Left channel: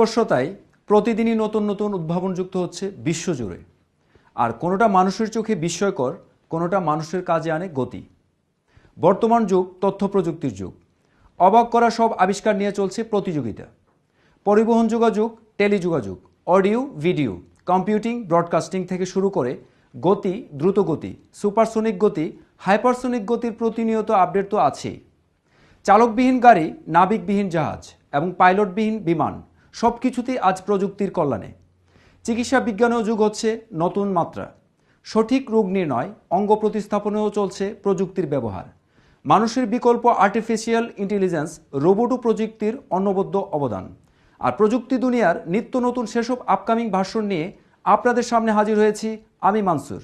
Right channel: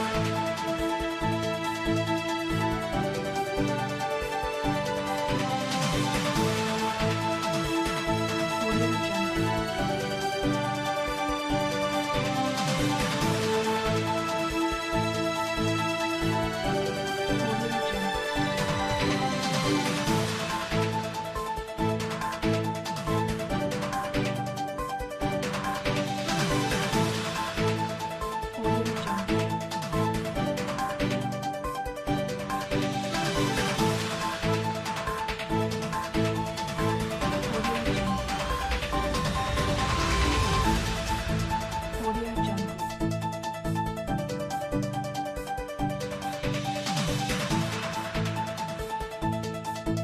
উৎকর্ষতায় প্রতিদিনই নতুন নতুন উদ্ভাবন যুক্ত হচ্ছে বিশ্বজুড়ে। আর কোনোটা মানুষের চোখে বিস্ময়কর, কোনোটা মানুষের কাজে আনে গতি। বর্তমান যুগ তথ্য প্রযুক্তির যুগ। অবাক করা সব আবিষ্কার নিয়ে চলছে প্রতিযোগিতা। পরিবহন যোগাযোগ, টেলিযোগাযোগ, অডিও ভিডিও, কম্পিউটিং, ব্রডকাস্টিং থেকে শুরু করে গতি, দ্রুত গতি, সুপারসোনিক গতি, হাইপারসোনিক গতির প্রতিনিয়ত আপডেট তো আছেই। চালকবিহীন গাড়ি, নাবিকবিহীন জাহাজ এবং পাইলটবিহীন বিমান সব কিছুতেই আজ প্রযুক্তির কল্যাণে। চিকিৎসা বিজ্ঞানেও যুগ হচ্ছে নতুন মাত্রা। সঠিক রোগ নির্ণয়, অঙ্গ প্রতিস্থাপনেও চলছে প্রযুক্তির ব্যবহার। মানুষের বিকল্প আর্টিফিশিয়াল ইন্টেলিজেন্স, রোবোট প্রযুক্তির অনবদ্য অবদান। আর প্রযুক্তি দুনিয়ার নিত্য নতুন সেসব আপকামিং ভার্সন নিয়ে আপনাদের সামনে হাজির হয়েছি আমি মানসুর।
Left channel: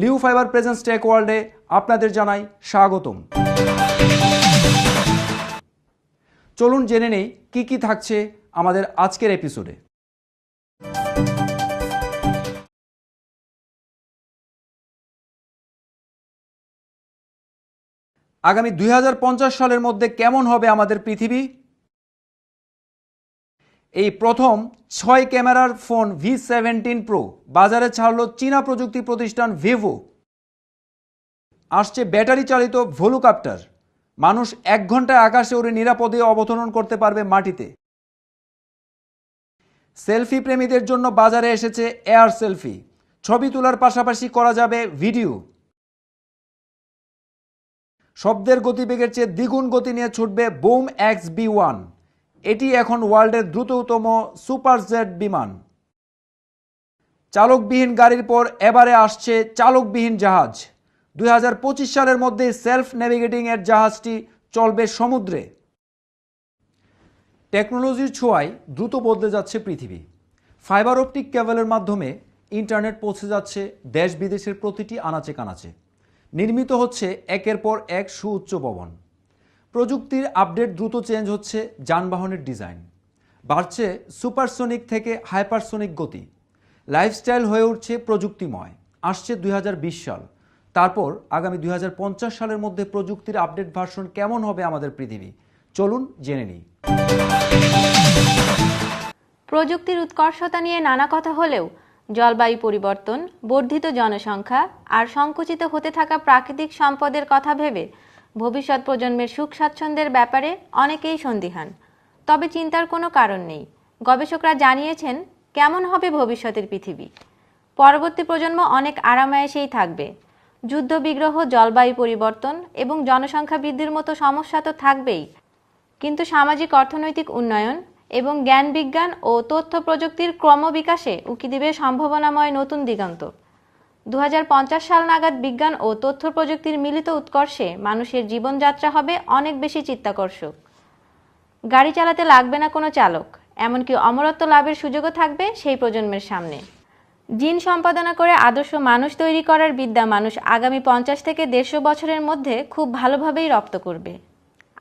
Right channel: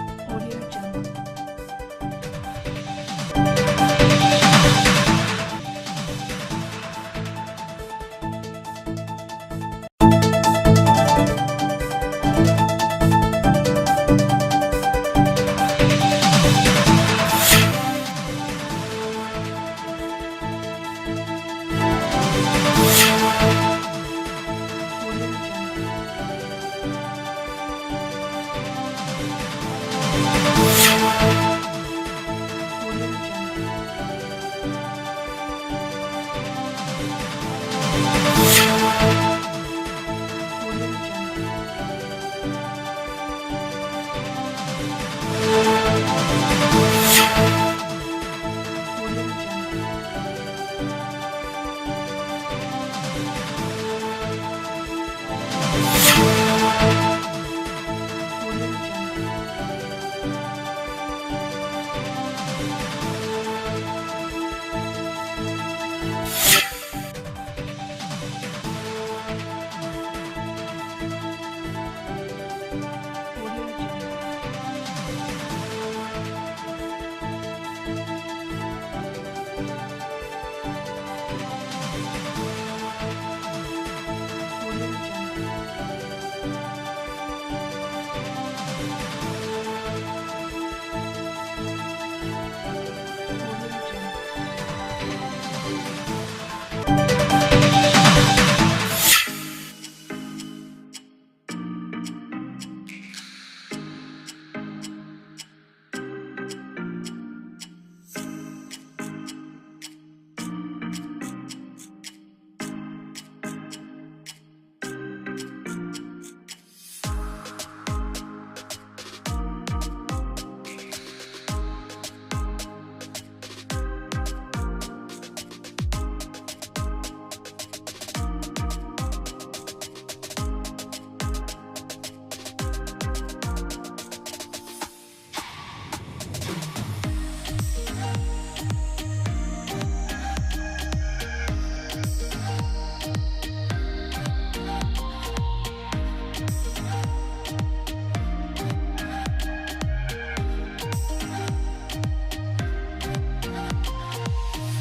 লিউ ফাইবার প্রেজেন্স টেক ওয়ার্ল্ডে আপনাদের জানাই স্বাগতম। চলুন জেনে নেই কি কি থাকছে আমাদের আজকের এপিসোডে। আগামী 2050 সালের মধ্যে কেমন হবে আমাদের পৃথিবী? এই প্রথম 6 ক্যামেরার ফোন V17 Pro বাজারে ছাড়ল চীনা প্রযুক্তি প্রতিষ্ঠান ভিভো। আসছে ব্যাটারি চালিত ভলুকপ্টার, মানুষ 1 ঘন্টায় আকাশে উড়ে নিরাপদে অবতরণ করতে পারবে মাটিতে। সেলফি প্রেমীদের জন্য বাজারে এসেছে এয়ার সেলফি, ছবি তোলার পাশাপাশি করা যাবে ভিডিও। শব্দের গতিবেগের চেয়ে দ্বিগুণ গতি নিয়ে ছুটবে বুম XB1, এটি এখন ওয়ার্ল্ডের দ্রুততম সুপার জেট বিমান। চালকবিহীন গাড়ির পর এবারে আসছে চালকবিহীন জাহাজ। 2025 সালের মধ্যে সেলফ নেভিগেটিং এর জাহাজটি চলবে সমুদ্রে। টেকনোলজির ছোঁয়ায় দ্রুত বদলে যাচ্ছে পৃথিবী। ফাইবার অপটিক কেবলের মাধ্যমে ইন্টারনেট পৌঁছে যাচ্ছে দেশ বিদেশের প্রতিটি আনাচে কানাচে। নির্মিত হচ্ছে একের পর এক সুউচ্চ ভবন। প্রযুক্তির আপডেট দ্রুত চেঞ্জ হচ্ছে যানবাহনের ডিজাইন। বাড়ছে সুপারসোনিক থেকে হাইপারসোনিক গতি। লাইফস্টাইল হয়ে উঠছে প্রযুক্তিময়। আসছে 2020 সাল, তারপর আগামী 2050 সালের মধ্যে প্রযুক্তির আপডেট ভার্সন কেমন হবে আমাদের পৃথিবী? চলুন জেনে নিই। প্রযুক্তির উৎকর্ষতা নিয়ে নানা কথা হলেও জলবায়ু পরিবর্তন, বর্ধিত জনসংখ্যা আর সংকুচিত হতে থাকা প্রাকৃতিক সম্পদের কথা ভেবে ভবিষ্যৎ প্রজন্মের সুখ স্বাচ্ছন্দ্যের ব্যাপারে অনেকেই সন্দিহান। তবে চিন্তার কোনো কারণ নেই। গবেষকরা জানিয়েছেন কেমন হবে ভবিষ্যতের পৃথিবী। পরবর্তী প্রজন্ম অনেক আরামায়েশেই থাকবে। যুদ্ধ বিগ্রহ, জলবায়ু পরিবর্তন এবং জনসংখ্যা বৃদ্ধির মতো সমস্যা তো থাকবেই, কিন্তু সামাজিক অর্থনৈতিক উন্নয়ন এবং জ্ঞান বিজ্ঞান ও তথ্য প্রযুক্তির ক্রমবিকাশে উকি দিবে সম্ভাবনাময় নতুন দিগন্ত। 2050 সাল নাগাদ বিজ্ঞান ও তথ্য প্রযুক্তির মিলিত উৎকর্ষে মানুষের জীবনযাত্রা হবে অনেক বেশি চিত্তাকর্ষক। গাড়ি চালাতে লাগবে না কোনো চালক, এমনকি অমরত্ব লাভের সুযোগও থাকবে সেই প্রজন্মের সামনে। জিন সম্পাদনা করে আদর্শ মানুষ তৈরি করার বিদ্যা মানুষ আগামী 50 থেকে 150 বছরের মধ্যে খুব ভালোভাবেই রপ্ত করবে।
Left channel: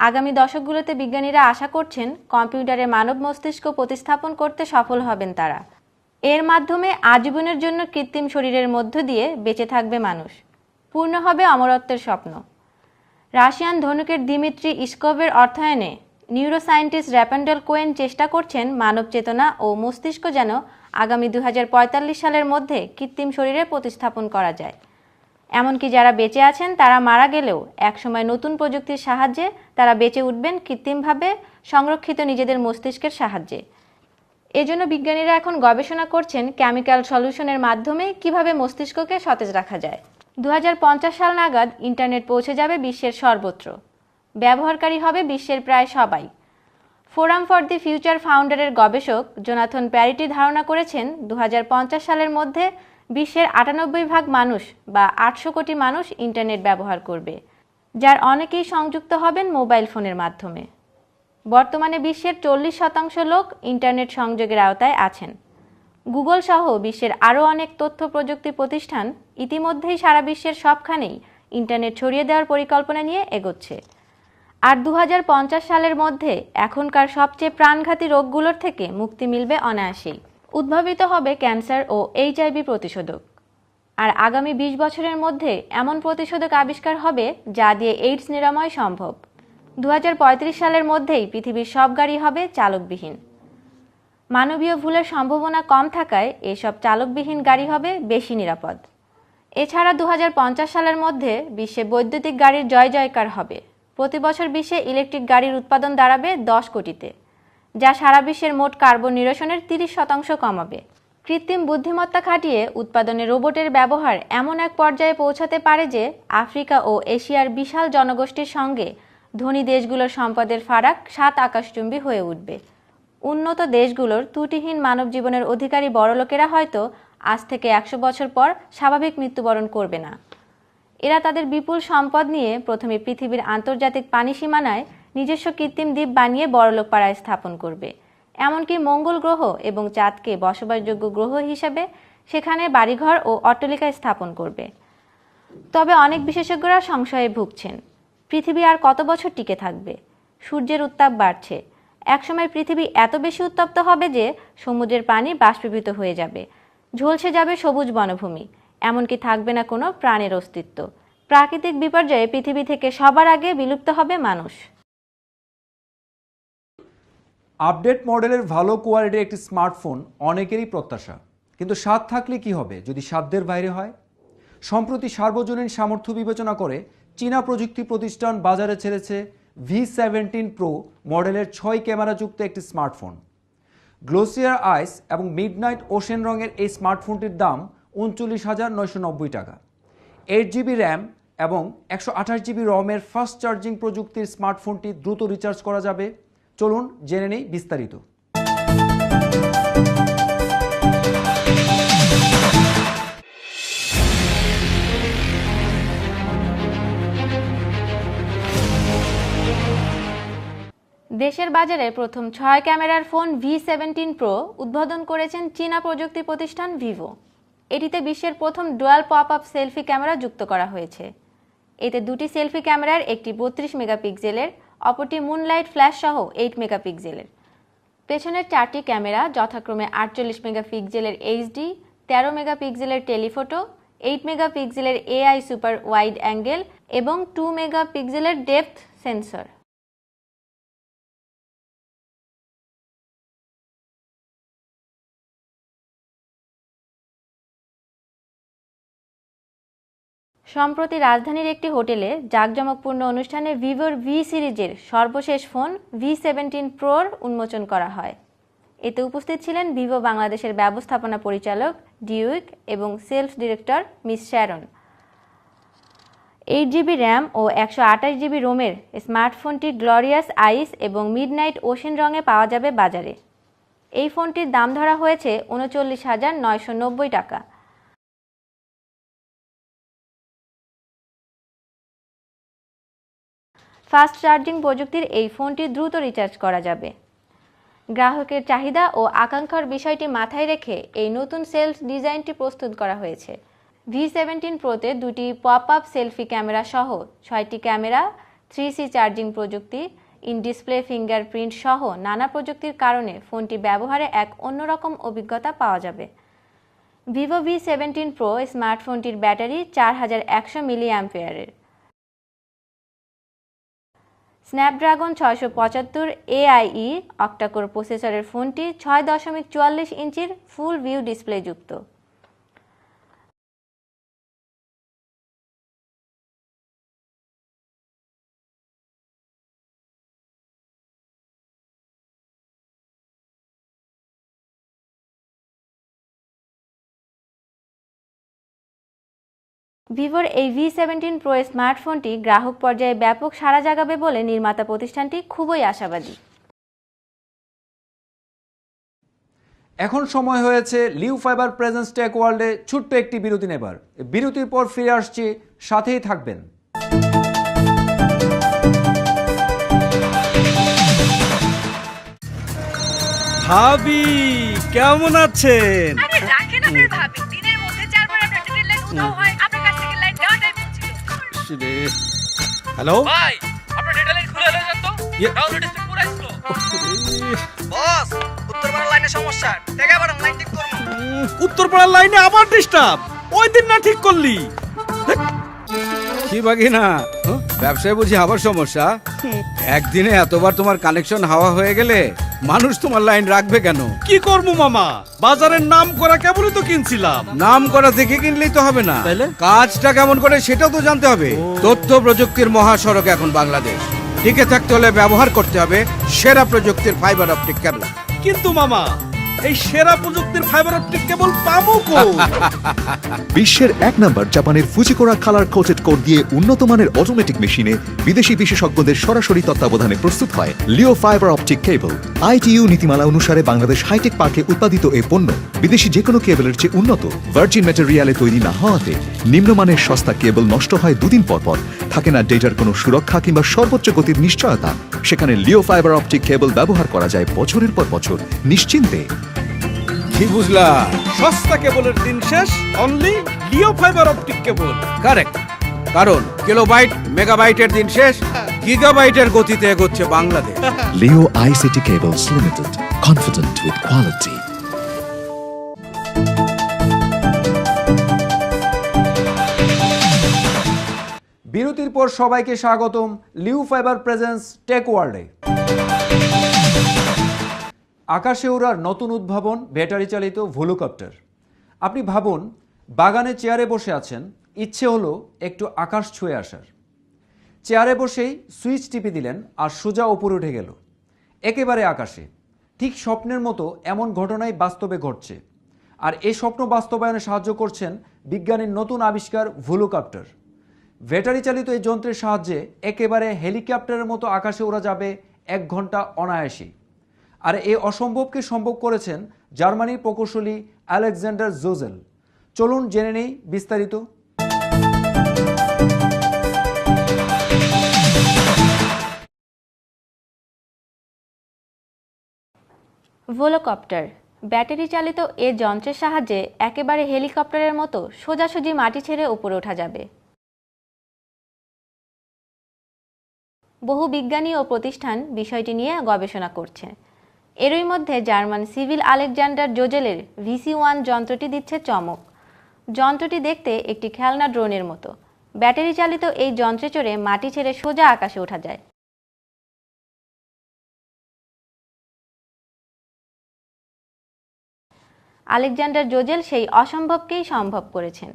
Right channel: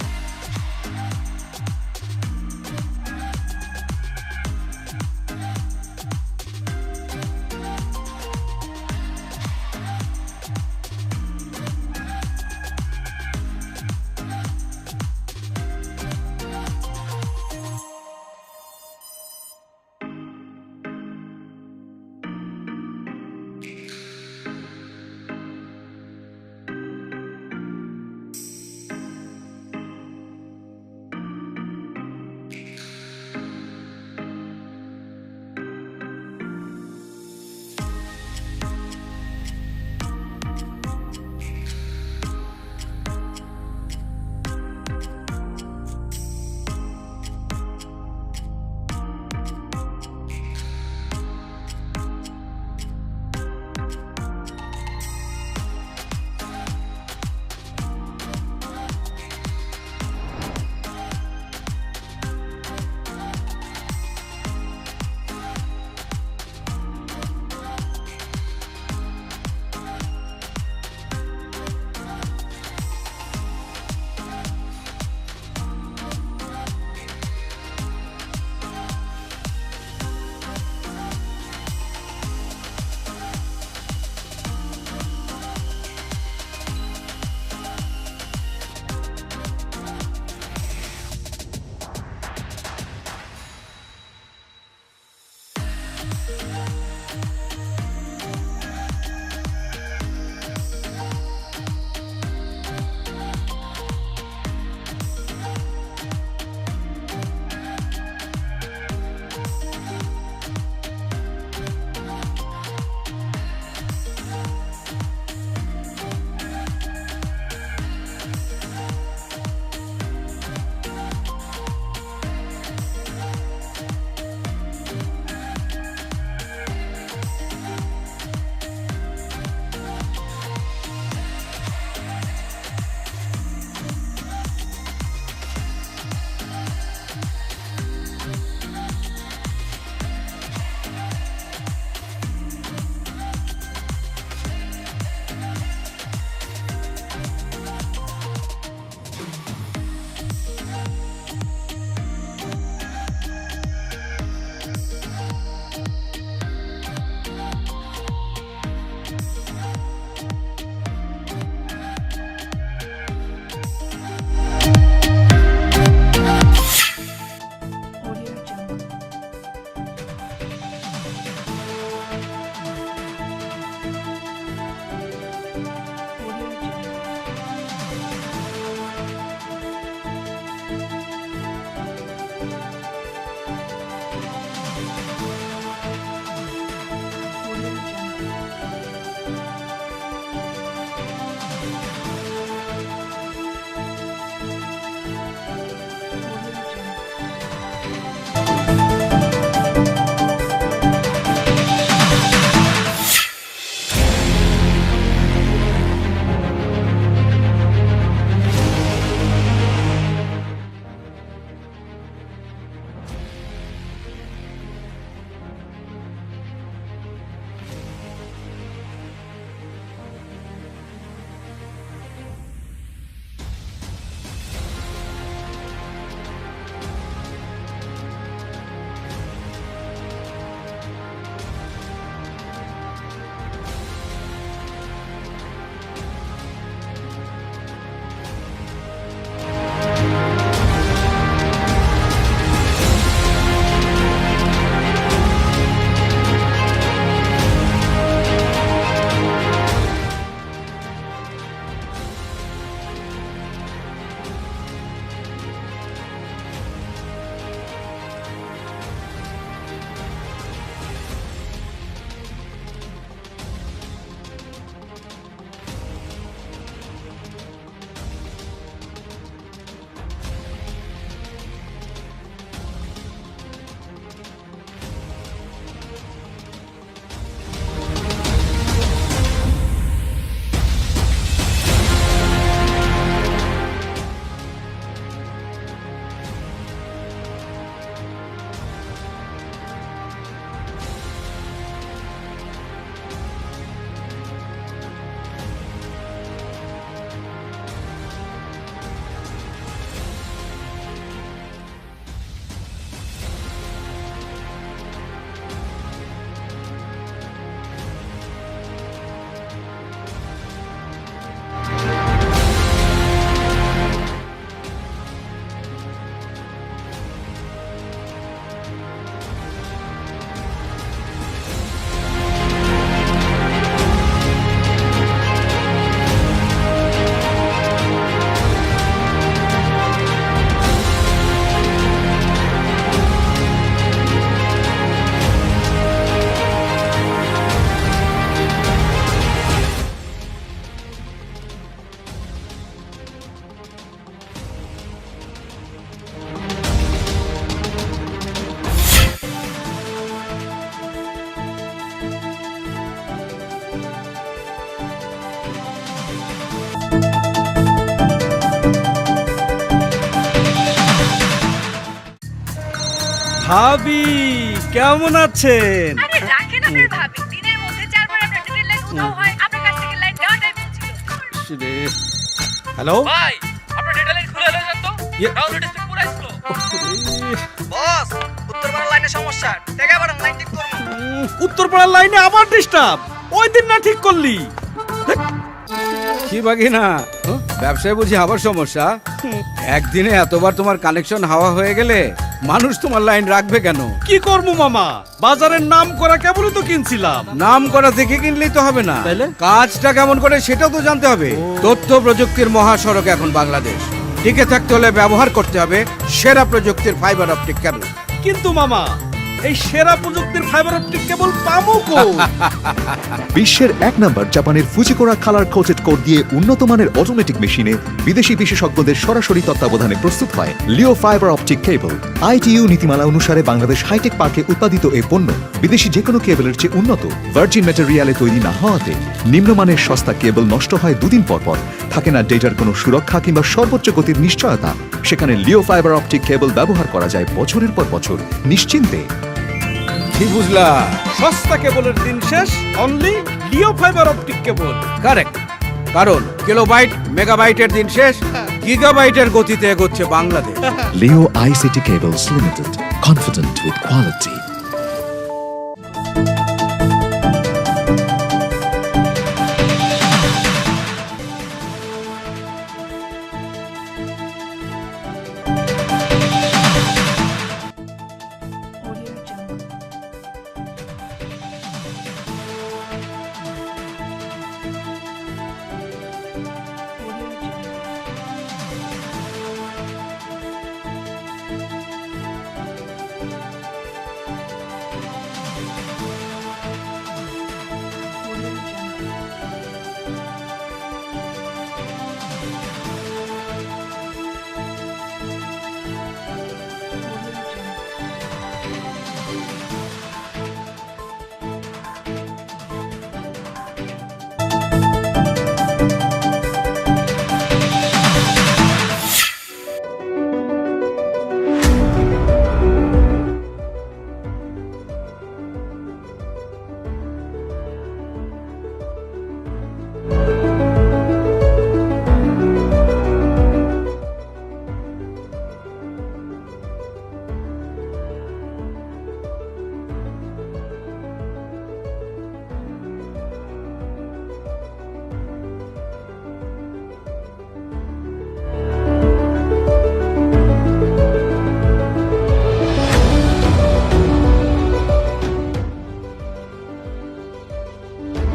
আগামী দশকগুলোতে বিজ্ঞানীরা আশা করছেন কম্পিউটারে মানব মস্তিষ্ক প্রতিস্থাপন করতে সফল হবেন তারা। এর মাধ্যমে আজীবনের জন্য কৃত্রিম শরীরের মধ্য দিয়ে বেঁচে থাকবে মানুষ। পূর্ণ হবে অমরত্বের স্বপ্ন। রাশিয়ান ধনুকের দিমিত্রি ইস্কোভের অর্থায়নে নিউরোসায়েন্টিস্ট র্যাপান্ডেল কোয়েন চেষ্টা করছেন মানব চেতনা ও মস্তিষ্ক যেন আগামী 2045 সালের মধ্যে কৃত্রিম শরীরে প্রতিস্থাপন করা যায়। এমনকি যারা বেঁচে আছেন তারা মারা গেলেও একসময় নতুন প্রযুক্তির সাহায্যে তারা বেঁচে উঠবেন কৃত্রিমভাবে সংরক্ষিত নিজেদের মস্তিষ্কের সাহায্যে। এজন্য বিজ্ঞানীরা এখন গবেষণা করছেন কেমিক্যাল সলিউশনের মাধ্যমে কিভাবে মস্তিষ্ককে সতেজ রাখা যায়। 2050 সাল নাগাদ ইন্টারনেট পৌঁছে যাবে বিশ্বের সর্বত্র। ব্যবহারকারী হবে বিশ্বের প্রায় সবাই। ফোরাম ফর দি ফিউচার ফাউন্ডারের গবেষক জোনাথন প্যারিটি ধারণা করেছেন 2050 সালের মধ্যে বিশ্বের 98% মানুষ বা 800 কোটি মানুষ ইন্টারনেট ব্যবহার করবে, যার অনেকেই সংযুক্ত হবেন মোবাইল ফোনের মাধ্যমে। বর্তমানে বিশ্বের 40% লোক ইন্টারনেট সংযোগের আওতায় আছেন। গুগল সহ বিশ্বের আরও অনেক তথ্য প্রযুক্তি প্রতিষ্ঠান ইতিমধ্যেই সারা বিশ্বের সবখানেই ইন্টারনেট ছড়িয়ে দেওয়ার পরিকল্পনা নিয়ে এগোচ্ছে। আর 2050 সালের মধ্যে এখনকার সবচেয়ে প্রাণঘাতী রোগগুলোর থেকে মুক্তি মিলবে অনায়াসেই। উদ্ভাবিত হবে ক্যান্সার ও HIV প্রতিষেধক। আর আগামী 20 বছরের মধ্যে এমন প্রতিষেধক আবিষ্কার হবে যা দিয়ে এইডস নিরাময় সম্ভব। 2035 সালের মধ্যেই পৃথিবীর সব গাড়ি হবে চালকবিহীন। মানবীয় ভুলের সম্ভাবনা কম থাকায় এসব চালকবিহীন গাড়ি হবে বেশি নিরাপদ। এছাড়া 2050 সালের মধ্যে বিশ্বে বৈদ্যুতিক গাড়ির জয় জয়কার হবে। প্রতি বছর বিশ্বে ইলেকট্রিক গাড়ির উৎপাদন দাঁড়াবে 10 কোটিতে, যা সারা বিশ্বের মোট কার্বন নিরসনের 30% কমাবে। কৃত্রিম বুদ্ধিমত্তা খাটিয়ে উৎপাদনে রোবটের ব্যবহার এমন এক পর্যায়ে পৌঁছাতে পারে যে আফ্রিকা ও এশিয়ার বিশাল জনগোষ্ঠীর সঙ্গে ধনী দেশগুলোর সম্পদের ফারাক 7 আকাশচুম্বী হয়ে উঠবে। উন্নত দেশগুলোর ত্রুটিহীন মানব জীবনের অধিকারী বড়লোকেরা হয়তো আজ থেকে 100 বছর পর স্বাভাবিক মৃত্যুবরণ করবে না। এরা তাদের বিপুল সম্পদ নিয়ে প্রথমে পৃথিবীর আন্তর্জাতিক পানি সীমানায় নিজস্ব কৃত্রিম দ্বীপ বানিয়ে বড়লোক পাড়ায় স্থাপন করবে। এমনকি মঙ্গল গ্রহ এবং চাঁদকে বসবাসযোগ্য গ্রহ হিসাবে সেখানে বাড়িঘর ও অট্টালিকা স্থাপন করবে। তবে অনেক বিশেষজ্ঞরা সংশয়ে ভুগছেন, পৃথিবী আর কত বছর টিকে থাকবে? সূর্যের উত্তাপ বাড়ছে, একসময় পৃথিবী এত বেশি উত্তপ্ত হবে যে সমুদ্রের পানি বাষ্পীভূত হয়ে যাবে, ঝলসে যাবে সবুজ বনভূমি, এমনকি থাকবে না কোনো প্রাণের অস্তিত্ব। প্রাকৃতিক বিপর্যয়ে পৃথিবী থেকে সবার আগে বিলুপ্ত হবে মানব। আপডেট মডেলের ভালো কোয়ালিটির একটি স্মার্টফোন অনেকেরই প্রত্যাশা, কিন্তু স্বাদ থাকলে কি হবে যদি সাধ্যের বাইরে হয়? সম্প্রতি সার্বজনীন সামর্থ্য বিবেচনা করে চীনা প্রযুক্তি প্রতিষ্ঠান বাজারে ছেড়েছে V17 Pro মডেলের 6 ক্যামেরাযুক্ত একটি স্মার্টফোন। গ্লোসিয়ার আইস এবং মিডনাইট ওশেন রঙের এই স্মার্টফোনটির দাম 39,990 টাকা। 8GB র্যাম এবং 128GB রমের ফাস্ট চার্জিং প্রযুক্তির স্মার্টফোনটি দ্রুত রিচার্জ করা যাবে। চলুন জেনে নিই বিস্তারিত। দেশের বাজারে প্রথম 6 ক্যামেরার ফোন V17 Pro উদ্বোধন করেছেন চীনা প্রযুক্তি প্রতিষ্ঠান ভিভো। এটিতে বিশ্বের প্রথম dual pop up selfie camera যুক্ত করা হয়েছে। এতে দুটি সেলফি ক্যামেরার, একটি 32 মেগাপিক্সেলের, অপরটি মুনলাইট ফ্ল্যাশ সহ 8 মেগাপিক্সেলের। পেছনের 4টি ক্যামেরা যথাক্রমে 48 মেগাপিক্সেলের HD, 13 মেগাপিক্সেলের টেলিফটো, 8 মেগাপিক্সেলের AI সুপার ওয়াইড অ্যাঙ্গেল এবং 2 মেগাপিক্সেলের ডেপথ সেন্সর। সম্প্রতি রাজধানীর একটি হোটেলে জাঁকজমকপূর্ণ অনুষ্ঠানে ভিভোর ভি সিরিজের সর্বশেষ ফোন V17 Pro উন্মোচন করা হয়। এতে উপস্থিত ছিলেন ভিভো বাংলাদেশের ব্যবস্থাপনা পরিচালক ডিউইক এবং sales director miss Sharon. 8GB RAM ও 128GB রোমের স্মার্টফোনটি গ্লোরিয়াস আইস এবং মিডনাইট ওশেন রঙে পাওয়া যাবে বাজারে। এই ফোনটির দাম ধরা হয়েছে 39,990 টাকা। ফাস্ট চার্জিং প্রযুক্তির এই ফোনটি দ্রুত রিচার্জ করা যাবে। গ্রাহকের চাহিদা ও আকাঙ্ক্ষার বিষয়টি মাথায় রেখে এই নতুন সেলফ ডিজাইনটি প্রস্তুত করা হয়েছে। V17 Proতে দুটি পপ আপ সেলফি ক্যামেরা সহ 6টি ক্যামেরা, 3C চার্জিং প্রযুক্তি, ইন ডিসপ্লে ফিঙ্গারপ্রিন্ট সহ নানা প্রযুক্তির কারণে ফোনটি ব্যবহারে এক অন্যরকম অভিজ্ঞতা পাওয়া যাবে। ভিভো V17 Pro স্মার্টফোনটির ব্যাটারি 4100 মিলিঅ্যাম্পিয়ারের। স্ন্যাপড্রাগন 675 AIE অক্টাকোর প্রসেসরের ফোনটি 6.44 ইঞ্চির ফুল ভিউ ডিসপ্লে যুক্ত। ভিভোর এই V17 Pro স্মার্টফোনটি গ্রাহক পর্যায়ে ব্যাপক সাড়া জাগাবে বলে নির্মাতা প্রতিষ্ঠানটি খুবই আশাবাদী। এখন সময় হয়েছে লিউ ফাইবার প্রেজেন্স টেক ওয়ার্ল্ডে ছোট্ট একটি বিরতি নেবার। বিরতির পর ফিরে আসছি, সাথেই থাকবেন। ভাবি কেমন আছেন? আরে রাখেন আপনার ভাবি, দিনের মধ্যে 4 বার আপনার ডেটা লাইন উধাও হয়, আপনার কাছ থেকে লাইন দেওয়াটাই বলছিল। হ্যালো ভাই আপনার ডেটা লাইন খুলে লয়ে যান তো। ডাউনলোড স্পিড পুরো স্লো। বস, উত্তরপাড়ার লাইনে সমস্যা, টাকা বাড়ান, লাইন ঠিক করুন। উত্তরপাড়ার লাইনে আবার ডিস্টার্ব, ওই দিন না ঠিক করলি? কি বাকি না ব্যবসায় বুঝি আবার সমস্যা? একদিনে এতবার তোমার কানেকশন হাওয়া হয়ে গেলে মানুষ তোমার লাইন রাখবে কেন? কি করবো মামা, বাজারের নাম করা কেবলই তো কিনছিলাম। নাম করা দেখে কিনলেই তো হবে না, তাইলে? কাজটা কেমন করে সেটাও তো জানতে হবে। তথ্য প্রযুক্তির মহাসড়ক এখন বাংলাদেশ, টিকে থাকতে হলে ব্যবহার করতে হবে সেরা প্রযুক্তির ফাইবার অপটিক কেবল। কিন্তু মামা, এই সেরা প্রযুক্তির ফাইবার অপটিক কেবল পাবো কই? বিশ্বের 1 নম্বর জাপানের ফুজিকোরা কালার কোটেড কোড দিয়ে উন্নত মানের অটোমেটিক মেশিনে বিদেশি বিশেষজ্ঞদের সরাসরি তত্ত্বাবধানে প্রস্তুত হয় লিও ফাইবার অপটিক কেবল। ITU নীতিমালা অনুসারে বাংলাদেশ হাইটেক পার্কে উৎপাদিত এই পণ্য বিদেশি যে কোনো কেবলের চেয়ে উন্নত। ভার্জিন ম্যাটেরিয়ালে তৈরি না হওয়াতে নিম্নমানের সস্তা কেবল নষ্ট হয় 2 দিন পর পর, থাকে না ডেটার কোনো সুরক্ষা কিংবা সর্বোচ্চ গতির নিশ্চয়তা। সেখানে লিও ফাইবার অপটিক কেবল ব্যবহার করা যায় বছরের পর বছর নিশ্চিন্তে। কি বুঝলা? সস্তা কেবলের দিন শেষ, অনলি লিও ফাইবার অপটিক কেবল। কারেক্ট, কারণ কিলোবাইট মেগাবাইটের দিন শেষ, গিগাবাইটের গতিতে এগোচ্ছে Bangladesh. Leo ICT Cables Limited, confident with quality. বিরতির পর সবাইকে স্বাগতম লিও ফাইবার প্রেজেন্স টেক ওয়ার্ল্ডে। আকাশে ওড়ার নতুন উদ্ভাবন ব্যাটারি চালিত ভোলুকপ্টার। আপনি ভাবুন, বাগানে চেয়ারে বসে আছেন, ইচ্ছে হলো একটু আকাশ ছুঁয়ে আসা। চেয়ারে বসেই সুইচ টিপে দিলেন আর সোজা উপরে উঠে গেল, একেবারে আকাশে। ঠিক স্বপ্নের মতো এমন ঘটনাই বাস্তবে ঘটছে। আর এই স্বপ্ন বাস্তবায়নে সাহায্য করছেন বিজ্ঞানীর নতুন আবিষ্কার ভোলুকপ্টার। ব্যাটারি চালিত এই যন্ত্রের সাহায্যে একেবারে হেলিকপ্টারের মতো আকাশে ওড়া যাবে 1 ঘন্টা অনায়াসে। আর এই অসম্ভবকে সম্ভব করেছেন জার্মানির প্রকৌশলী আলেকজান্ডার জোজেল। চলুন জেনে নেই বিস্তারিত। ভোলকপ্টার ব্যাটারি চালিত এ যন্ত্রের সাহায্যে একেবারে হেলিকপ্টারের মতো সোজাসুজি মাটি ছেড়ে উপরে ওঠা যাবে। বহু বিজ্ঞানী ও প্রতিষ্ঠান বিষয়টি নিয়ে গবেষণা করছে। এরই মধ্যে জার্মান সিভিল আলেকজান্ডার জোজেলের VC1 যন্ত্রটি দিচ্ছে চমক। যন্ত্রটি দেখতে একটি খেলনা ড্রোনের মতো। ব্যাটারি চালিত এই যন্ত্রে চড়ে মাটি ছেড়ে সোজা আকাশে ওঠা যায়। আলেকজান্ডার জোজেল সেই অসম্ভবকেই সম্ভব করেছেন।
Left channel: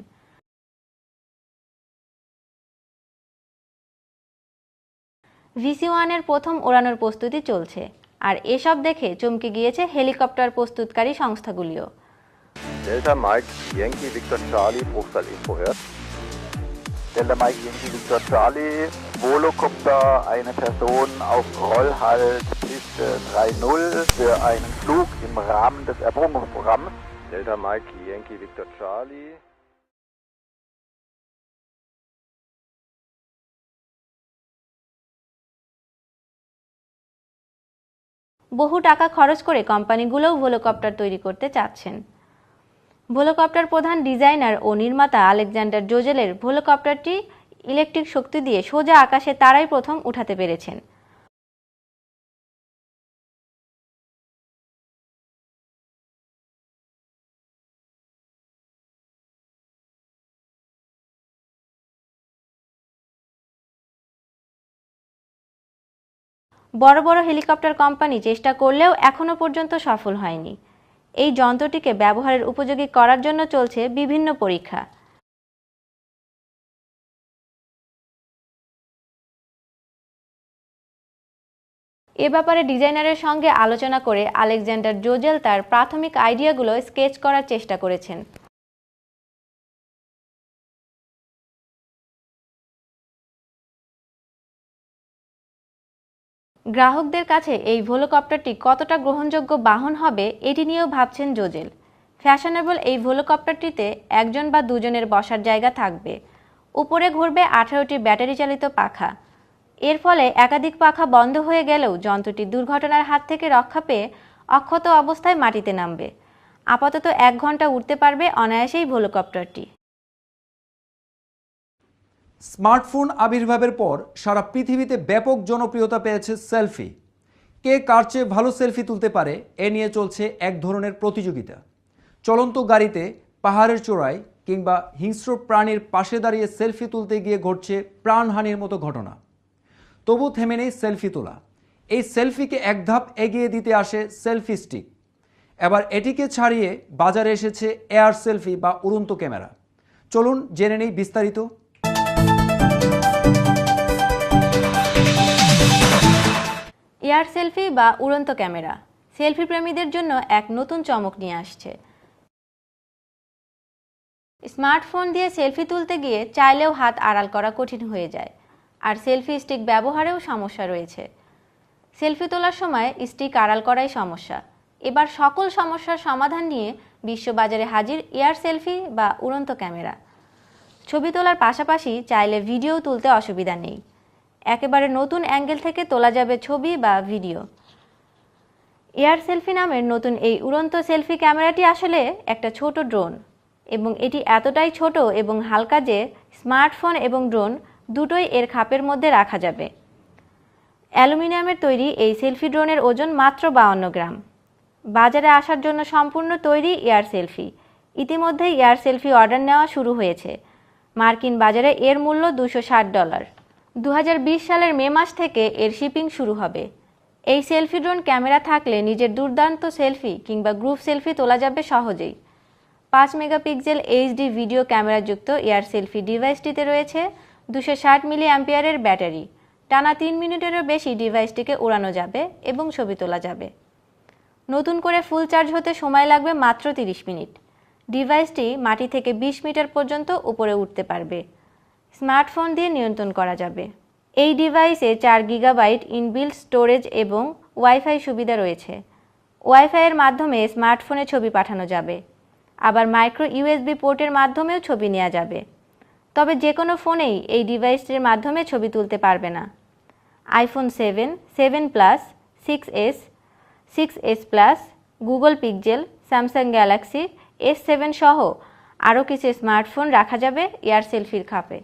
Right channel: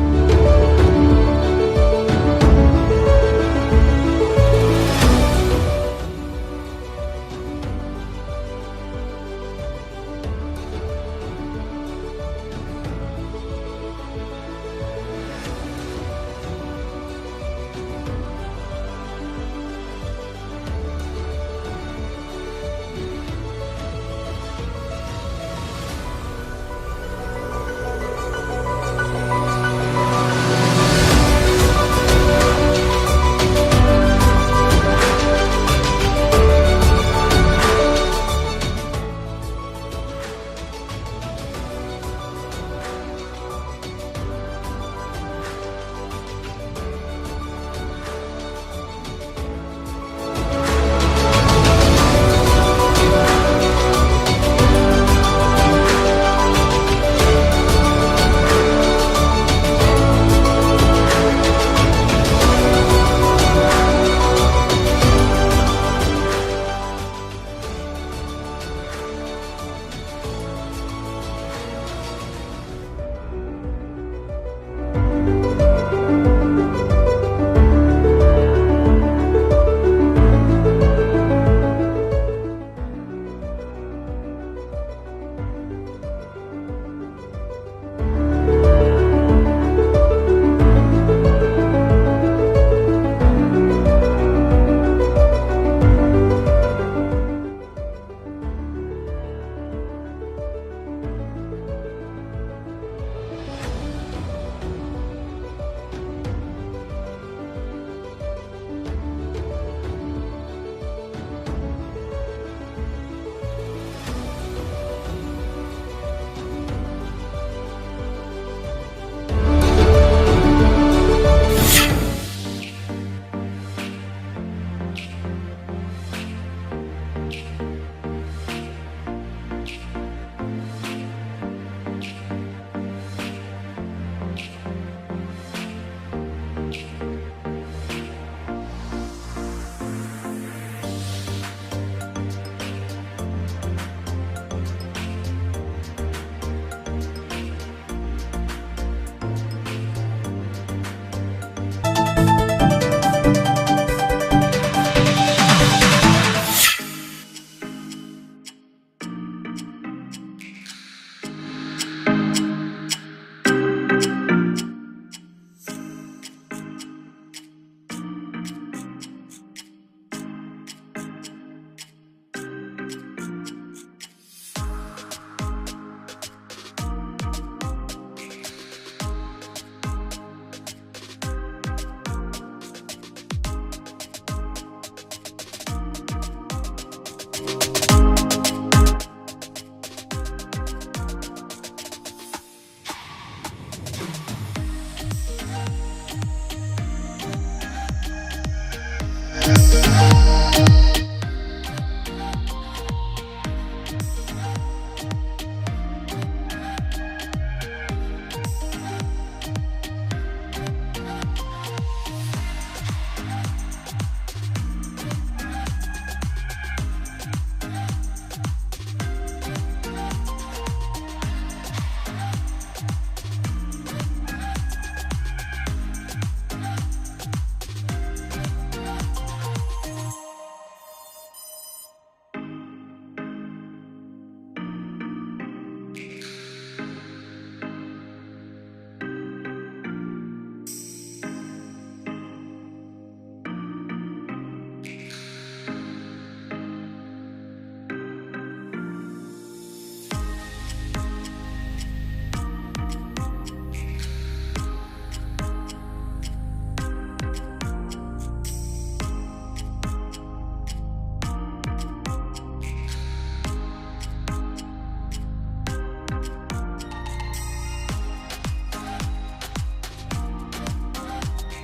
VC1-এর প্রথম ওড়ানোর প্রস্তুতি চলছে, আর এসব দেখে চমকে গিয়েছে হেলিকপ্টার প্রস্তুতকারী সংস্থাগুলো। Delta Mike Yankee Victor Charlie Bruchsal vorwärts. Delta Mike Victor Charlie Volocopter, eine Person auf Rollhalt Piste 30 für einen Flug im Rahmen des Erprobungsprogramms. Delta Mike Yankee Victor Charlie. বহু টাকা খরচ করে কোম্পানিগুলোও ভোলকপ্টার তৈরি করতে চাচ্ছেন। ভোলকপ্টার প্রধান ডিজাইনার ও নির্মাতা আলেকজান্ডার জোজেলের ভোলকপ্টারটি ইলেকট্রিক শক্তি দিয়ে সোজা আকাশে তারাই প্রথম উঠাতে পেরেছে। বড় বড় হেলিকপ্টার কোম্পানি চেষ্টা করলেও এখনো পর্যন্ত সফল হয়নি। এই যন্ত্রটিকে ব্যবহারের উপযোগী করার জন্য চলছে বিভিন্ন পরীক্ষা। এ ব্যাপারে ডিজাইনারের সঙ্গে আলোচনা করে আলেকজান্ডার জোজেল তার প্রাথমিক আইডিয়াগুলো স্কেচ করার চেষ্টা করেছেন। গ্রাহকদের কাছে এই ভোলকপ্টারটি কতটা গ্রহণযোগ্য বাহন হবে এটি নিয়েও ভাবছেন জোজেল। ফ্যাশনেবল এই ভোলকপ্টারটিতে 1 জন বা 2 জনের বসার জায়গা থাকবে। উপরে ঘুরবে 18টি ব্যাটারি চালিত পাখা। এর ফলে একাধিক পাখা বন্ধ হয়ে গেলেও যন্ত্রটি দুর্ঘটনার হাত থেকে রক্ষা পেয়ে অক্ষত অবস্থায় মাটিতে নামবে। আপাতত 1 ঘন্টা উঠতে পারবে অনায়াসেই ভোলকপ্টার। স্মার্টফোন আবির্ভাবের পর সারা পৃথিবীতে ব্যাপক জনপ্রিয়তা পেয়েছে সেলফি। কে কার চেয়ে ভালো সেলফি তুলতে পারে এ নিয়ে চলছে এক ধরনের প্রতিযোগিতা। চলন্ত গাড়িতে, পাহাড়ের চূড়ায় কিংবা হিংস্র প্রাণীর পাশে দাঁড়িয়ে সেলফি তুলতে গিয়ে ঘটছে প্রাণহানির মতো ঘটনা। তবু থেমে নেই সেলফি তোলা। এই সেলফিকে এক ধাপ এগিয়ে দিতে আসে সেলফি স্টিক। এবার এটিকে ছাড়িয়ে বাজারে এসেছে এয়ার সেলফি বা উড়ন্ত ক্যামেরা। চলুন জেনে নিই বিস্তারিত। এয়ার সেলফি বা উড়ন্ত ক্যামেরা সেলফি প্রেমীদের জন্য এক নতুন চমক নিয়ে আসছে। স্মার্টফোন দিয়ে সেলফি তুলতে গিয়ে চাইলেও হাত আড়াল করা কঠিন হয়ে যায়, আর সেলফি স্টিক ব্যবহারেও সমস্যা রয়েছে। সেলফি তোলার সময় স্টিক আড়াল করাই সমস্যা। এবার সকল সমস্যার সমাধান নিয়ে বিশ্ববাজারে হাজির এয়ার সেলফি বা উড়ন্ত ক্যামেরা। ছবি তোলার পাশাপাশি চাইলে ভিডিও তুলতে অসুবিধা নেই। একেবারে নতুন অ্যাঙ্গেল থেকে তোলা যাবে ছবি বা ভিডিও। এয়ার সেলফি নামের নতুন এই উড়ন্ত সেলফি ক্যামেরাটি আসলে একটা ছোট ড্রোন, এবং এটি এতটাই ছোট এবং হালকা যে স্মার্টফোন এবং ড্রোন দুটোই এর খাপের মধ্যে রাখা যাবে। অ্যালুমিনিয়ামের তৈরি এই সেলফি ড্রোনের ওজন মাত্র 52 গ্রাম। বাজারে আসার জন্য সম্পূর্ণ তৈরি এয়ার সেলফি। ইতিমধ্যেই এয়ার সেলফি অর্ডার নেওয়া শুরু হয়েছে। মার্কিন বাজারে এর মূল্য $260। 2020 সালের মে মাস থেকে এর শিপিং শুরু হবে। এই সেলফি ড্রোন ক্যামেরা থাকলে নিজের দুর্দান্ত সেলফি কিংবা গ্রুপ সেলফি তোলা যাবে সহজেই। 5 মেগাপিক্সেল এইচডি ভিডিও ক্যামেরাযুক্ত এয়ার সেলফি ডিভাইসটিতে রয়েছে 260 মিলি অ্যাম্পিয়ারের ব্যাটারি। টানা 3 মিনিটেরও বেশি ডিভাইসটিকে উড়ানো যাবে এবং ছবি তোলা যাবে। নতুন করে ফুল চার্জ হতে সময় লাগবে মাত্র 30 মিনিট। ডিভাইসটি মাটি থেকে 20 মিটার পর্যন্ত উপরে উঠতে পারবে। স্মার্টফোন দিয়ে নিয়ন্ত্রণ করা যাবে। এই ডিভাইসে 4 গিগাবাইট ইনবিল্ট স্টোরেজ এবং ওয়াইফাই সুবিধা রয়েছে। ওয়াইফাইয়ের মাধ্যমে স্মার্টফোনে ছবি পাঠানো যাবে, আবার মাইক্রো ইউএসবি পোর্টের মাধ্যমেও ছবি নেওয়া যাবে। তবে যে কোনো ফোনেই এই ডিভাইসটির মাধ্যমে ছবি তুলতে পারবে না। IPhone 7, 7 plus, 6s, 6s plus, Google pixel, Samsung Galaxy S7 সহ আরও কিছু স্মার্টফোন রাখা যাবে এয়ার সেলফির খাপে।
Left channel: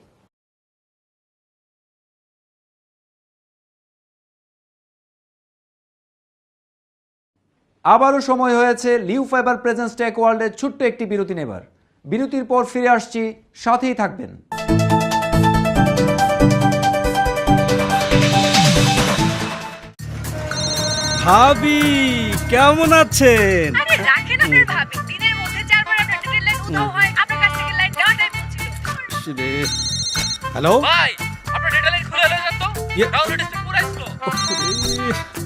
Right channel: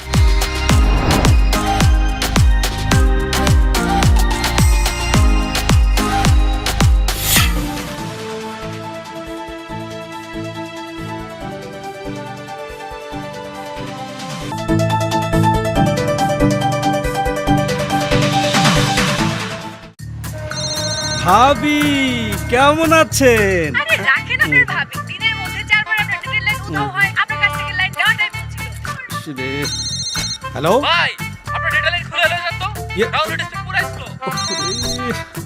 আবারও সময় হয়েছে লিও ফাইবার প্রেজেন্স টেক ওয়ার্ল্ডের ছোট্ট একটি বিরতি নেবার। বিরতির পর ফিরে আসছি, সাথেই থাকবে। ভাবি কেমন আছেন? আরে রাখেন আপনার ভাবি, দিনের মধ্যে 4 বার আপনার ডিটেইল লাইন উধাও হয়, আপনার কাছ থেকে লাইন দেওয়াটাই পৌঁছিল। হ্যালো ভাই আপনার ডেটা লাইন খুলে এলো তো ডাউনলোড স্পিড পুরো স্লো।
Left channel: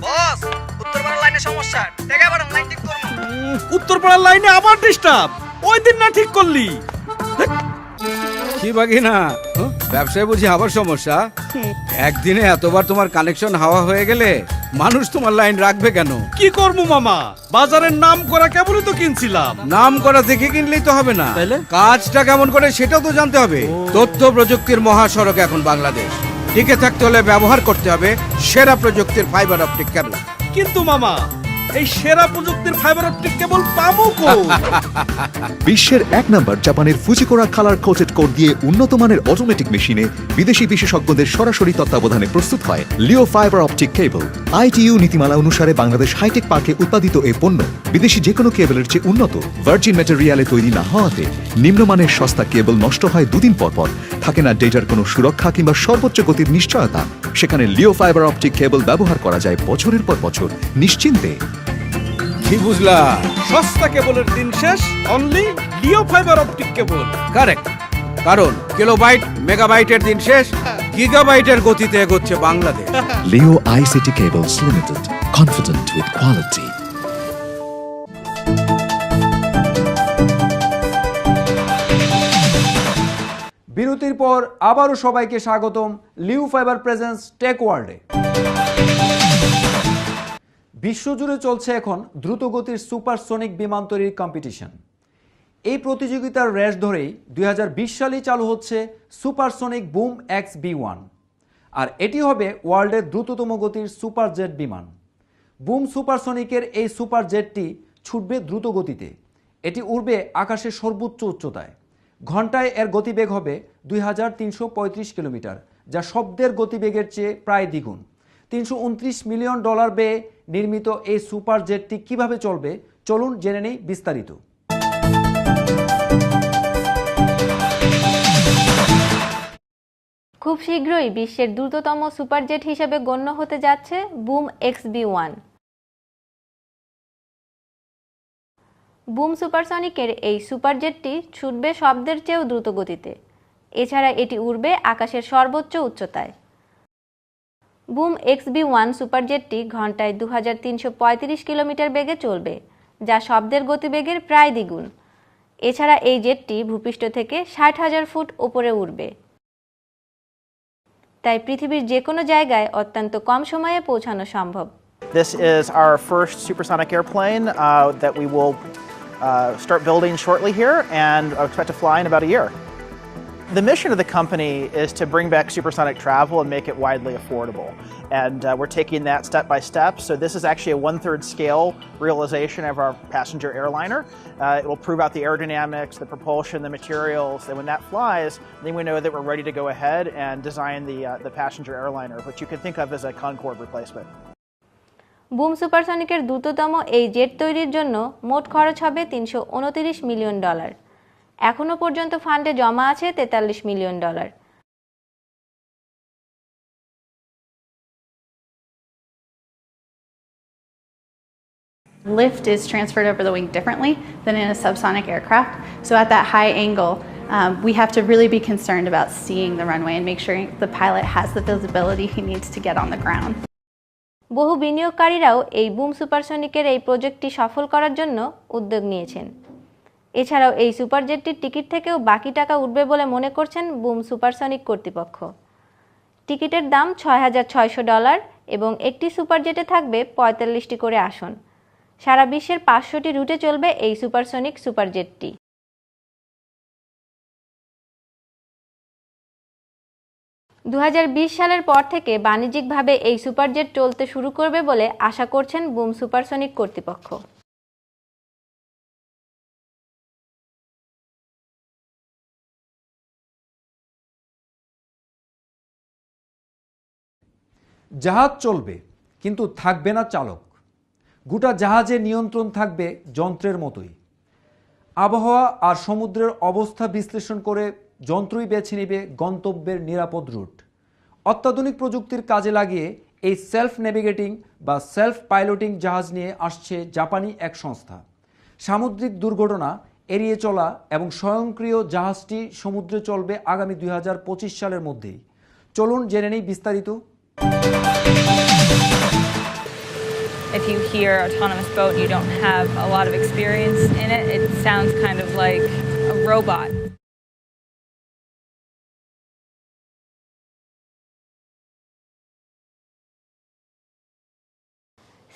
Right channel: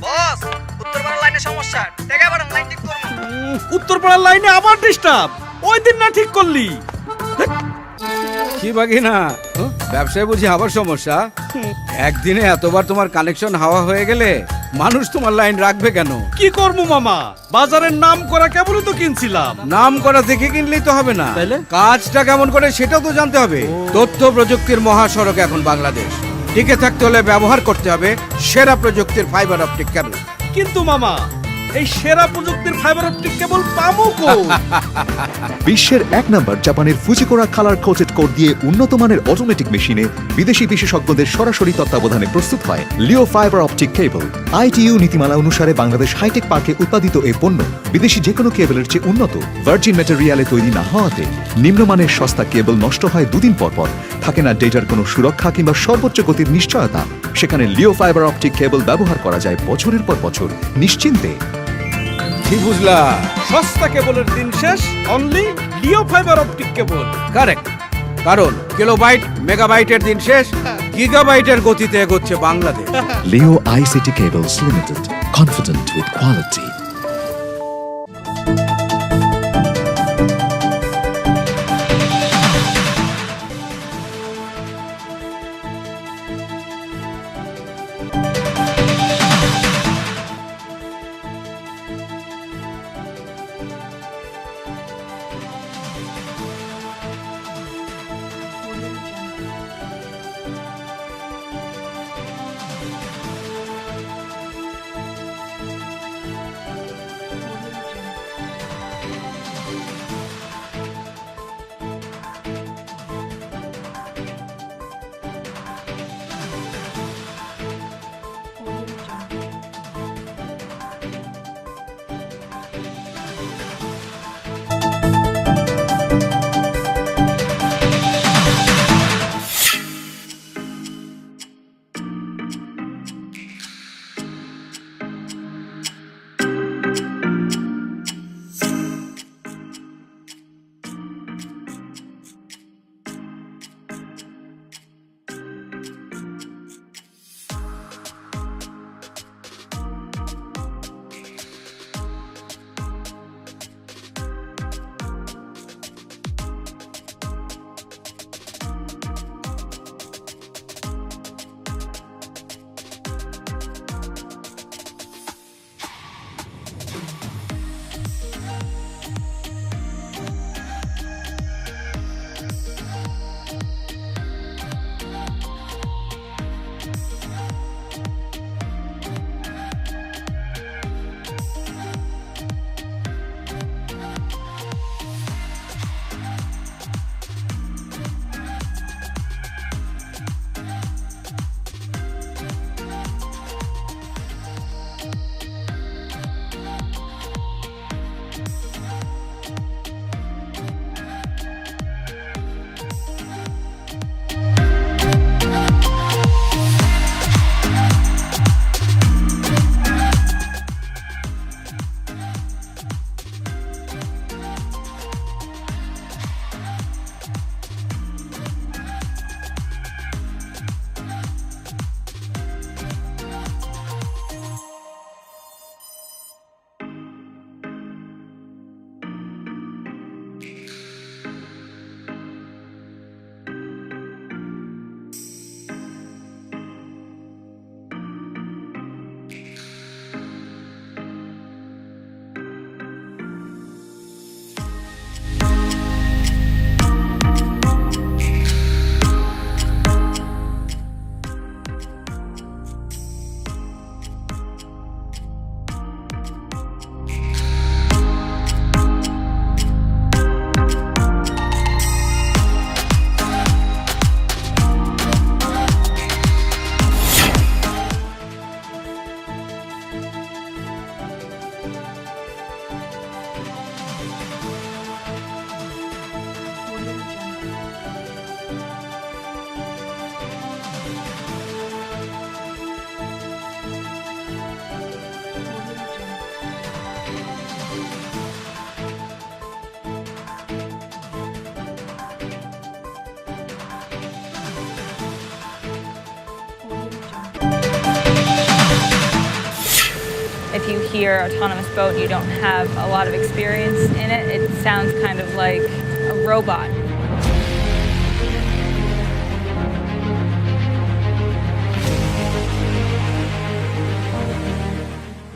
বস, উত্তরপাড়া লাইনে সমস্যা, টেকা বাড়ান, লাইন ঠিক করুন। উত্তরপাড়ার লাইনে আবার ডিস্টার্ব। ওই দিন না ঠিক করলি? কি বাকি না ব্যবসায় বুঝি আবার সমস্যা? একদিনে এতবার তোমার কানেকশন হাওয়া হয়ে গেলে মানুষ তোমার লাইন রাখবে কেন? কি করবো মামা, বাজারের নাম করা কেবলই তো কিনছিলাম। নাম করা দেখে কিনলেই তো হবে না, তাইলে? কাজটা কেমন করে সেটাও তো জানতে হবে। তথ্য প্রযুক্তির মহাসড়ক এখন বাংলাদেশ। টিকে থাকতে হলে ব্যবহার করতে হবে সেরা প্রযুক্তির ফাইবার অপটিক কেবল। কিন্তু মামা, এই সেরা প্রযুক্তির ফাইবার অপটিক কেবল পাবো কই? বিশ্বের 1 নম্বর জাপানের ফুজিকোরা কালার কোটেড কোড দিয়ে উন্নত মানের অটোমেটিক মেশিনে বিদেশি বিশেষজ্ঞদের সরাসরি তত্ত্বাবধানে প্রস্তুত হয় লিও ফাইবার অপটিক কেবল। ITU নীতিমালা অনুসারে বাংলাদেশ হাইটেক পার্কে উৎপাদিত এই পণ্য বিদেশি যে কোনো কেবলের চেয়ে উন্নত। ভার্জিন ম্যাটেরিয়ালে তৈরি না হওয়াতে নিম্নমানের সস্তা কেবল নষ্ট হয় 2 দিন পর পর। থাকে না ডেটার কোনো সুরক্ষা কিংবা সর্বোচ্চ গতির নিশ্চয়তা। সেখানে লিও ফাইবার অপটিক কেবল ব্যবহার করা যায় বছরের পর বছর নিশ্চিন্তে। কি বুঝলা? সস্তা কেবলের দিন শেষ, অনলি লিও ফাইবার অপটিক কেবল। কারেক্ট, কারণ কিলোবাইট মেগাবাইটের দিন শেষ, গিগাবাইটের গতিতে এগোচ্ছে Bangladesh. Leo ICT Cables Limited, confident with quality. বিরতির পর আবারও সবাইকে স্বাগতম লিও ফাইবার প্রেজেন্স টেক ওয়ার্ল্ডে। বিশ্বজুড়ে চলছে এখন দ্রুতগতির সুপারসনিক বিমান তৈরির কম্পিটিশন। এই প্রতিযোগিতার রেস ধরেই 2020 সালেই চালু হচ্ছে সুপারসনিক বুম XB1, আর এটি হবে ওয়ার্ল্ডের দ্রুততম গতির সুপার জেট বিমান। বুম সুপারসনিকের এই সুপার জেটটি ছুটবে দ্রুত গতিতে। এটি উড়বে আকাশের সর্বোচ্চ উচ্চতায়। ঘন্টায় এর গতিবেগ হবে 2335 কিলোমিটার, যা শব্দের গতিবেগের চেয়ে প্রায় দ্বিগুণ। $329 মিলিয়ন ব্যয়ে নির্মিত এই সুপার জেটটি কিভাবে চলবে, চলুন জেনে নিই বিস্তারিত। খুব শীঘ্রই বিশ্বের দ্রুততম সুপারজেট হিসেবে গণ্য হতে যাচ্ছে বুম XB1। বুম সুপারসনিকের এই সুপারজেটটি ছুটবে শব্দের চেয়েও দ্রুত গতিতে। এছাড়া এটি উড়বে আকাশের সর্বোচ্চ উচ্চতায়। বুম XB1 সুপারজেটটি ঘন্টায় 2335 কিলোমিটার বেগে চলবে, যা শব্দের গতিবেগের প্রায় দ্বিগুণ। এছাড়া এই জেটটি ভূপৃষ্ঠ থেকে 60,000 ফুট উপরে উড়বে, তাই পৃথিবীর যে কোনো জায়গায় অত্যন্ত কম সময়ে পৌঁছানো সম্ভব। This is our first supersonic airplane that we will start building shortly here and expect to fly in about a year. The mission of the company is to bring back supersonic travel and make it widely affordable. And we're taking that step by step. So this is actually a 1/3 scale realization of our passenger airliner. It will prove out the aerodynamics, the propulsion, the materials. Then when that flies, then we know that we're ready to go ahead and design the passenger airliner, which you can think of as a Concorde replacement. Boom সুপারসনিকের দ্রুততম এই jet তৈরির জন্য মোট খরচ হবে $329 million. এখনো পর্যন্ত ফান্ডে জমা আছে $43 million. Lift is transferred over the wing differently than in a subsonic aircraft. So at that high angle, we have to really be concerned about seeing the runway and make sure the pilot has the visibility he needs to get on the ground. বহু বিনিয়োগকারীরাও এই broom সুপারসনিকের এই প্রজেক্টটি সফল করার জন্য উদ্যোগ নিয়েছেন। এছাড়াও এই সুপারজেটটির টিকিট থেকেও বাকি টাকা উঠবে বলে মনে করছেন বুম সুপারসনিক কর্তৃপক্ষ। টিকিটের দাম $6,600 এবং একটি সুপারজেটে থাকবে 45টি করে আসন। সারা বিশ্বের 500টি রুটে চলবে এই সুপারসনিক সুপারজেটটি। 2020 সালের পর থেকে বাণিজ্যিকভাবে এই সুপারজেট চলতে শুরু করবে বলে আশা করছেন বুম সুপারসনিক কর্তৃপক্ষ। জাহাজ চলবে, কিন্তু থাকবে না চালক। গোটা জাহাজের নিয়ন্ত্রণ থাকবে যন্ত্রের মতো। আবহাওয়া আর সমুদ্রের অবস্থা বিশ্লেষণ করে যন্ত্রই বেছে নেবে গন্তব্যের নিরাপদ রুট। অত্যাধুনিক প্রযুক্তির কাজে লাগিয়ে এই সেলফ নেভিগেটিং বা সেলফ পাইলটিং জাহাজ নিয়ে আসছে জাপানি এক সংস্থা। সামুদ্রিক দুর্ঘটনা এড়িয়ে চলা এবং স্বয়ংক্রিয় জাহাজটি সমুদ্রে চলবে আগামী 2025 সালের মধ্যে। চলুন জেনে নেই বিস্তারিত। If you hear autonomous boat, you don't have a lot of experience in it. It sounds kind of like a robot.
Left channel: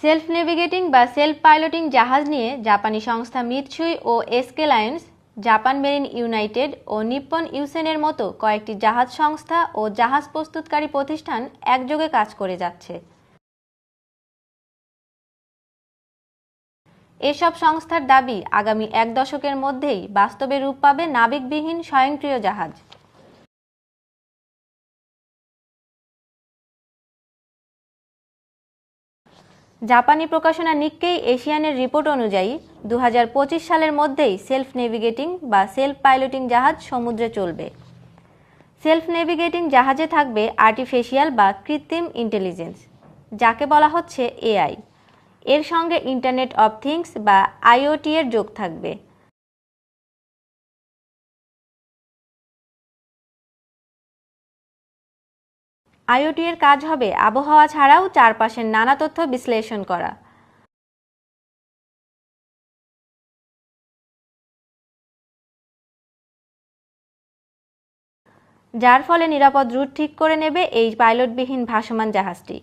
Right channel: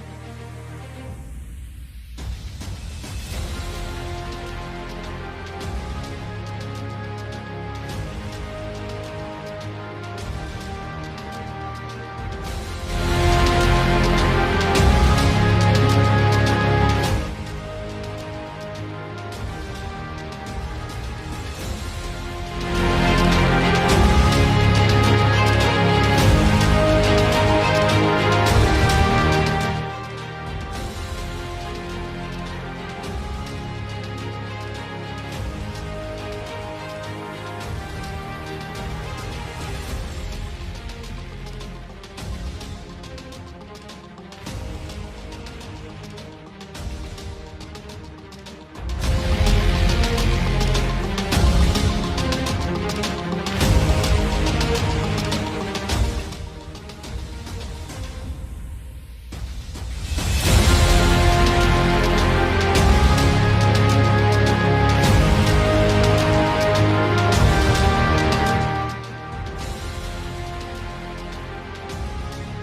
Self navigating বা সেলফ পাইলটিং জাহাজ নিয়ে জাপানি সংস্থা Mitsui O SK Lines, Japan Marine United ও Nippon ইউসেনের মতো কয়েকটি জাহাজ সংস্থা ও জাহাজ প্রস্তুতকারী প্রতিষ্ঠান একযোগে কাজ করে যাচ্ছে। এসব সংস্থার দাবি আগামী 1 দশকের মধ্যেই বাস্তবে রূপ পাবে নাবিকবিহীন স্বয়ংক্রিয় জাহাজ। জাপানি প্রকাশনা নিক্কেই এশিয়ানের রিপোর্ট অনুযায়ী 2025 সালের মধ্যেই সেলফ নেভিগেটিং বা সেলফ পাইলটিং জাহাজ সমুদ্রে চলবে। সেলফ নেভিগেটিং জাহাজে থাকবে আর্টিফিশিয়াল বা কৃত্রিম ইন্টেলিজেন্স, যাকে বলা হচ্ছে এআই। এর সঙ্গে ইন্টারনেট অফ থিংস বা আইওটি এর যোগ থাকবে। আইওটি এর কাজ হবে আবহাওয়া ছাড়াও চারপাশের নানা তথ্য বিশ্লেষণ করা। যার ফলে নিরাপদ রুট ঠিক করে নেবে এই পাইলটবিহীন ভাসমান জাহাজটি।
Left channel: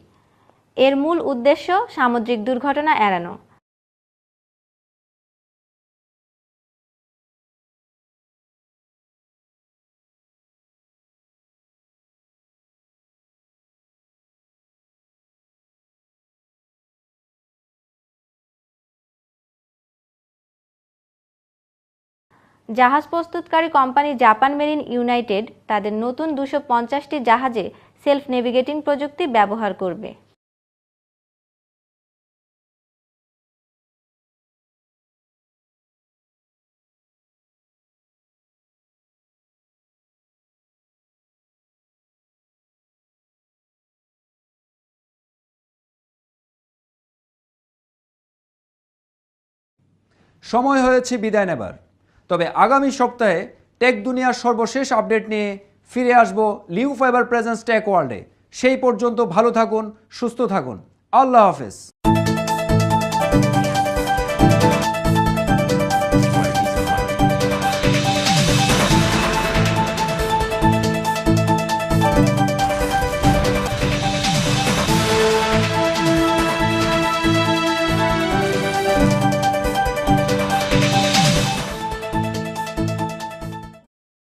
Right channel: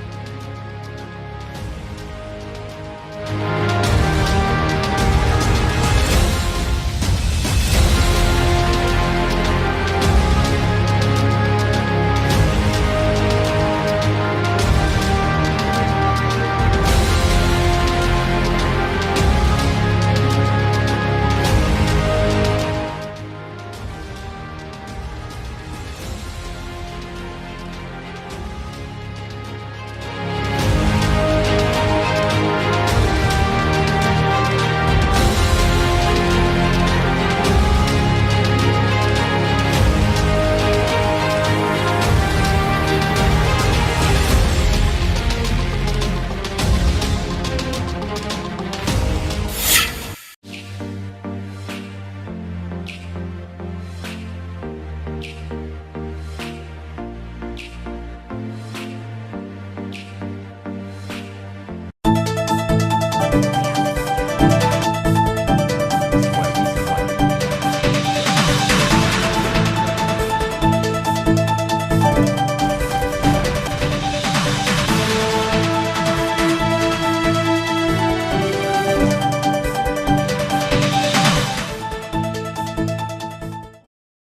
এর মূল উদ্দেশ্য সামুদ্রিক দুর্ঘটনা এড়ানো। জাহাজ প্রস্তুতকারী কোম্পানি জাপান মেরিন ইউনাইটেড তাদের নতুন 250টি জাহাজে সেলফ নেভিগেটিং প্রযুক্তি ব্যবহার করবে। সময় হয়েছে বিদায় নেবার। তবে আগামী সপ্তাহে টেক দুনিয়ার সর্বশেষ আপডেট নিয়ে ফিরে আসব লিও ফাইবার প্রেজেন্স টেক ওয়ার্ল্ডে। সেই পর্যন্ত ভালো থাকুন, সুস্থ থাকুন। আল্লাহ হাফেজ।